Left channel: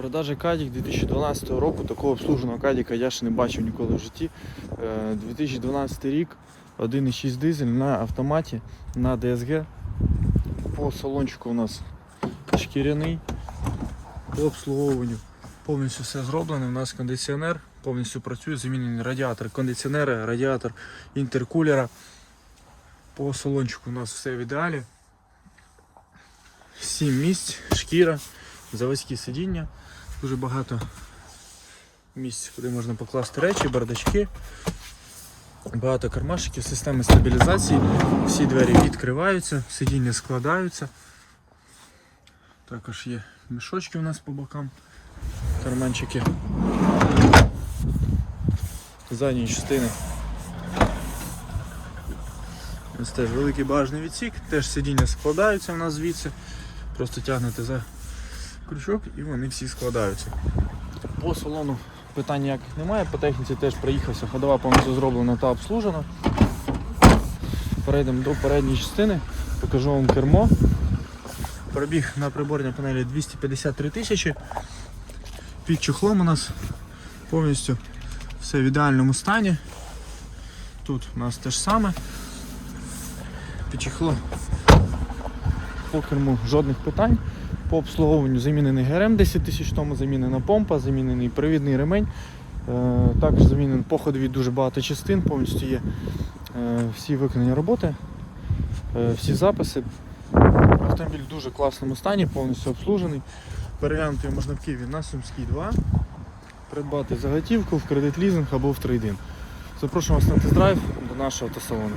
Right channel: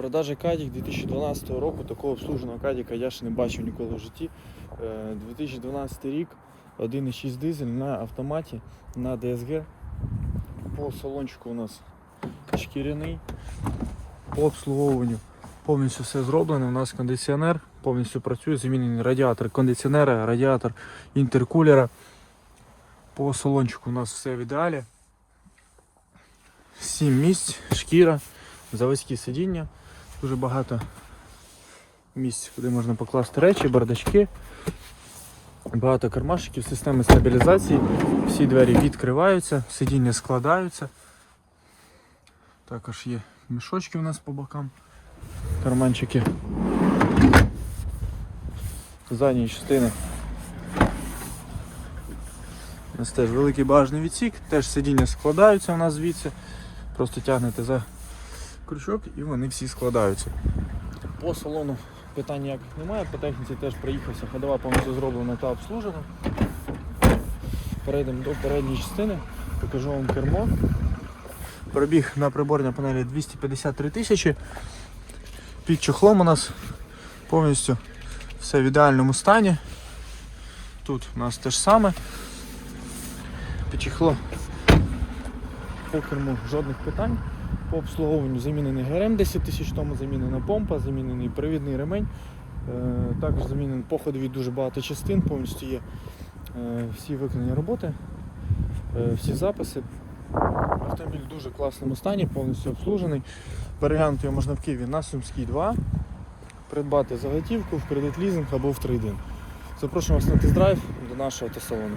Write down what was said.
Продажа Кадік 2012 року. Такого обслуженого Кадіка я ще не бачив ніколи в житті. Е, 2012 рік, 1,6 дизель на автоматі, на DSG. По салончику у нас шкіряний. По обслуговуванню повністю все зроблено. У нас кондиціонер повністю працює, замінений радіатор кондиціонера, радіатор інтеркулера. По салончику у нас все в ідеалі. 7 місць, шкіра, заводські сидіння. Дуже багато місць, куди можна покласти речі, бардачки. Багато кармашиків, системи стабілізації. Всі двері відкриваються, сидіння складаються. Також є мішочки у нас по бокам, карманчики. Задні частини. У нас теж великий багажний відсік, теж сидіння складаються у нас звідси. Просто тягнете за крючок і вони всі складаються. По салону питань ніяких немає, по техніці теж приїхався, ходова повністю зроблена та обслужена. Перейдемо до передньої частини, покажу вам кермо. Пробіг на приборній панелі 253 тисячі. Під чохлом у нас повністю все в ідеальному стані. Тут у нас те ж саме. Під чохлом по керму жодних питань. По обслуговуванню замінений ГРМ 10 тисяч тому, замінена помпа, замінений привідний ремень. Е, Також замінений по ходові дуже багато частин, повністю є е, всі виконані роботи, е, всі записи. Автомобіль в дуже класному стані, повністю обслужений. Переглянути його можна в Києві на Сумській 2. Придбати за готівку в кредит лізинг або в трейдин. Запрошуємо вас на тест-драйв до нашого автосалону.